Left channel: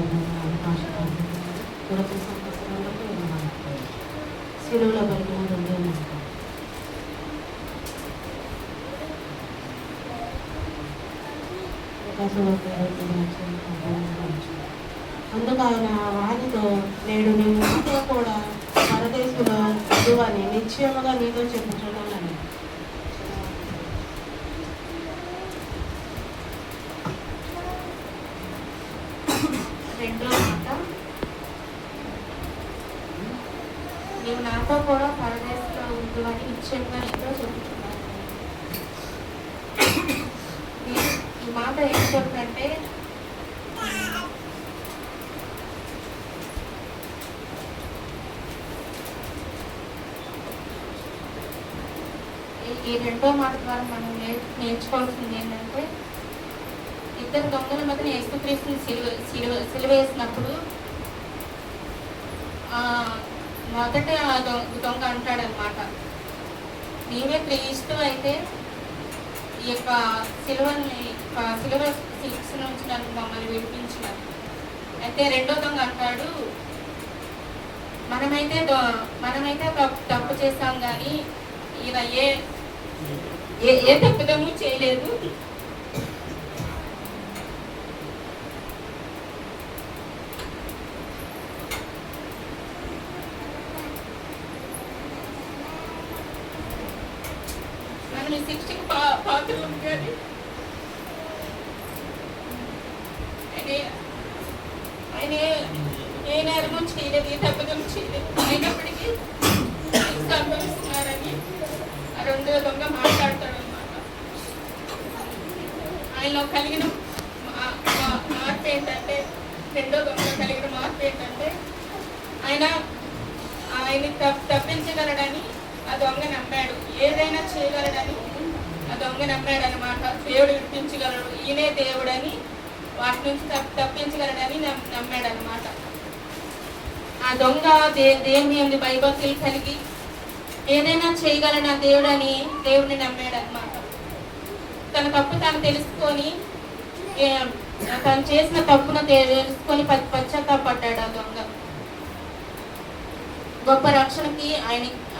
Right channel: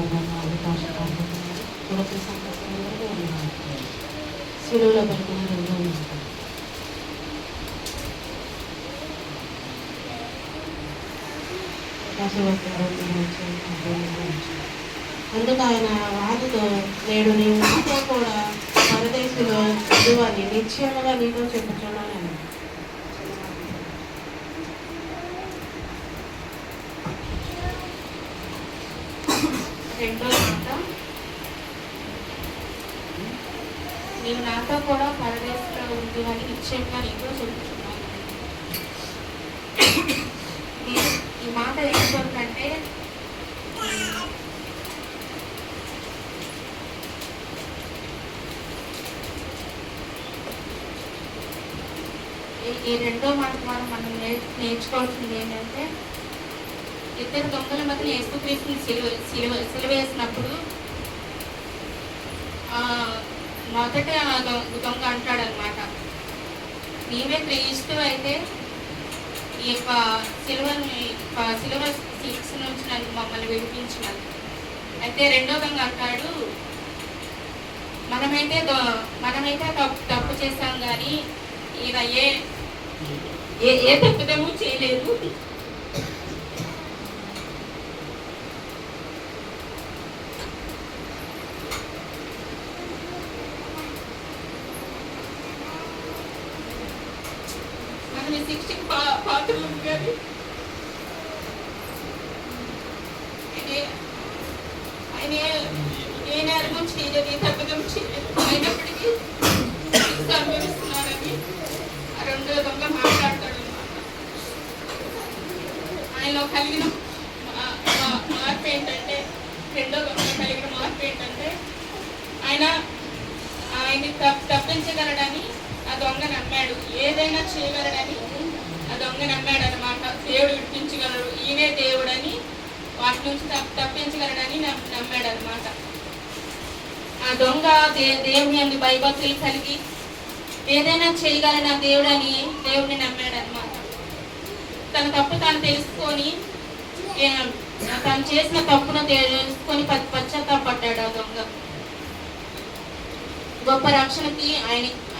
అవకాశం కొరకు సంతోషంగా శిలువలో పలికిన రెండో మాట అందుకు ఆయన వారితో నేడు నీవు నాతో కూడా పరదేశంలో చదువని నిశ్చయముగా నీతో చెప్పుచున్నానని. రెండో మాట, నీవు నాతో కూడా పరదేశంలో ఉందని నిశ్చయంగా నీతో చెప్పుచున్నాను. ఈ మాట ఏంటంటే ఈ రెండో మాట ద్వారా మనం నేర్చుకోవాల్సింది ఏంటంటే, ఇద్దరు దొంగల మధ్య యేసుక్రీస్తుని సిలువేసినప్పుడు మొదట దొంగ అంటాడనమాట, నీవే క్రీస్తు అయితే ఈ యొక్క సిలువ శిక్ష నుంచి నన్ను మమ్మల్ని విడిపించినది. అయితే రెండో దొంగ అంటాడు, మనమైతే తప్పు చేస్తాం కానీ ఈయన ఏ తప్పుదము చేయలేదు. మనం ఈ శిక్షకు పాత్రలు కానీ ఆయన ఏ నేరం చేయలేదు, ఏ తప్పుదం చేయలేదు, అయినప్పటికీ అనుభవిస్తున్నారని రెండో దొంగ మాట్లాడతాడు అన్నమాట. ఆయనలో కలిగిన మార్పు ఏంటంటే, రెండో దొంగ కలిగిన మార్పు ఏంటంటే, ఆయన తప్పించగలడని ఆ దొంగ నమ్మాడు, ఏదైనా చేయగలడని ఆ దొంగ నమ్మాడు అనమాట. దేవుడు విడిపించగలడు, ఈయనే దేవుడని, వాటి నుంచి తప్పించగలడని నమ్మాడు అనమాట. ఆ దొంగ దేవుని అందు భయభక్తులు కలిగి ఏదైనా చేయగలన దేవుడని దేవుడిని నమ్మాడు అనమాట. తన తప్పు తాను తెలుసుకొని తను చేసిన తప్పును తెలుసుకొని పశ్చాత్తాపడ్డాడు ఆ దొంగ. గొప్ప రక్షణకి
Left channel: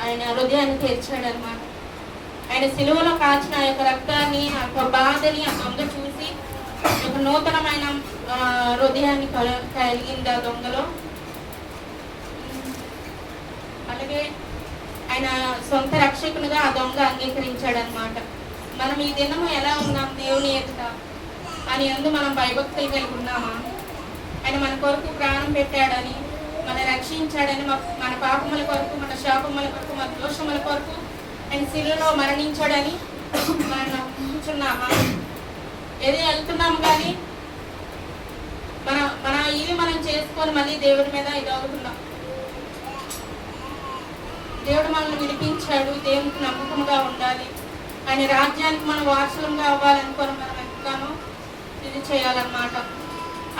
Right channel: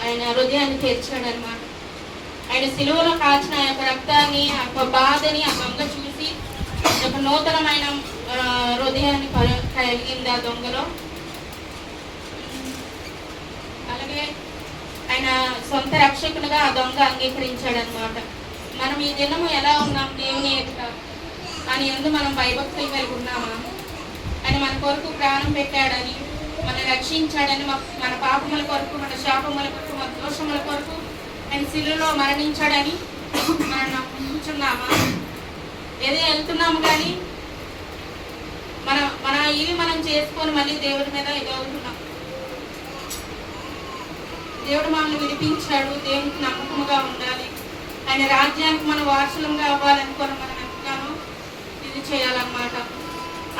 ఆయన హృదయాన్ని తెరిచాడు అనమాట. ఆయన సిలువలో కాల్చిన ఆ యొక్క రక్తాన్ని, ఆ యొక్క బాధని ఆ దొంగ చూసి ఒక నూతనమైన హృదయాన్ని కలిగింది ఆ దొంగలో. అలాగే ఆయన సొంత రక్షకునిగా ఆ దొంగ అంగీకరించాడు అనమాట. మనం ఈ దినము ఎలా ఉన్నాం దేవుని ఎదుట, అని అందు మనం భయభక్తులు కలిగి ఉన్నామా? ఆయన మన కొరకు ప్రాణం పెట్టాడని, మన రక్షించాడని, మన పాపముల కొరకు, మన శాపముల కొరకు, మన దోషముల కొరకు ఆయన శిలువలో మరణించాడని మనం నమ్ముచున్నామా? ఏదో వెళ్తున్నాము కానీ మన ఇవి మనం చేసుకొని మళ్ళీ దేవుడి మీద ఇదవుతున్నాం. దేవుడు మనల్ని విడిపించాడు, దేవునికి నమ్మకంగా ఉండాలి, ఆయన రాజ్యానికి మనం వారసులంగా అవ్వాలనుకొని మనం ఎంతగానో ఇది చేయాలన్నమాట.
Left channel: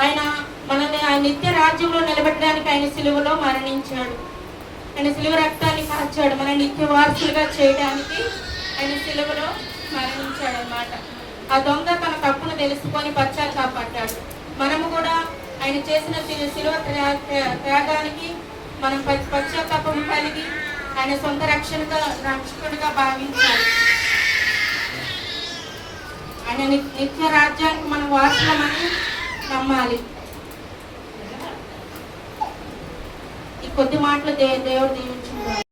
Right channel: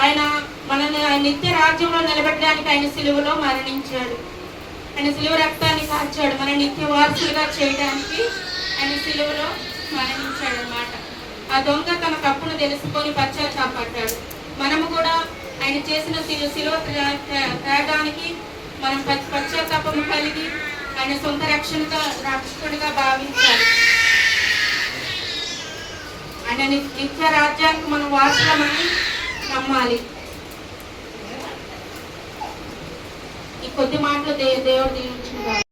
ఆయన మనల్ని నిత్య రాజ్యంలో నిలబెట్టడానికి ఆయన సిలువలో మరణించాడు, ఆయన సిలువ రక్తాన్ని కాచాడు, మన నిత్య వారసులుగా చేయడానికి ఆయన సిలువలో మరణించాడు అన్నమాట. ఆ దొంగ తన తప్పును తెలుసుకొని పశ్చాత్తాపడ్డాడు. మనము కూడా ఆయన చేసిన సిలువ త్యాగానికి మనం పశ్చాత్తాపం కలిగి ఆయన సొంత రక్షకుడిగా భావించాలి. ఆయన నిత్య రాజ్యానికి మనం వారసులమని నమ్మాలి. ఈ కొద్ది మాటలు దేవుడు దీవించుకుంటారు.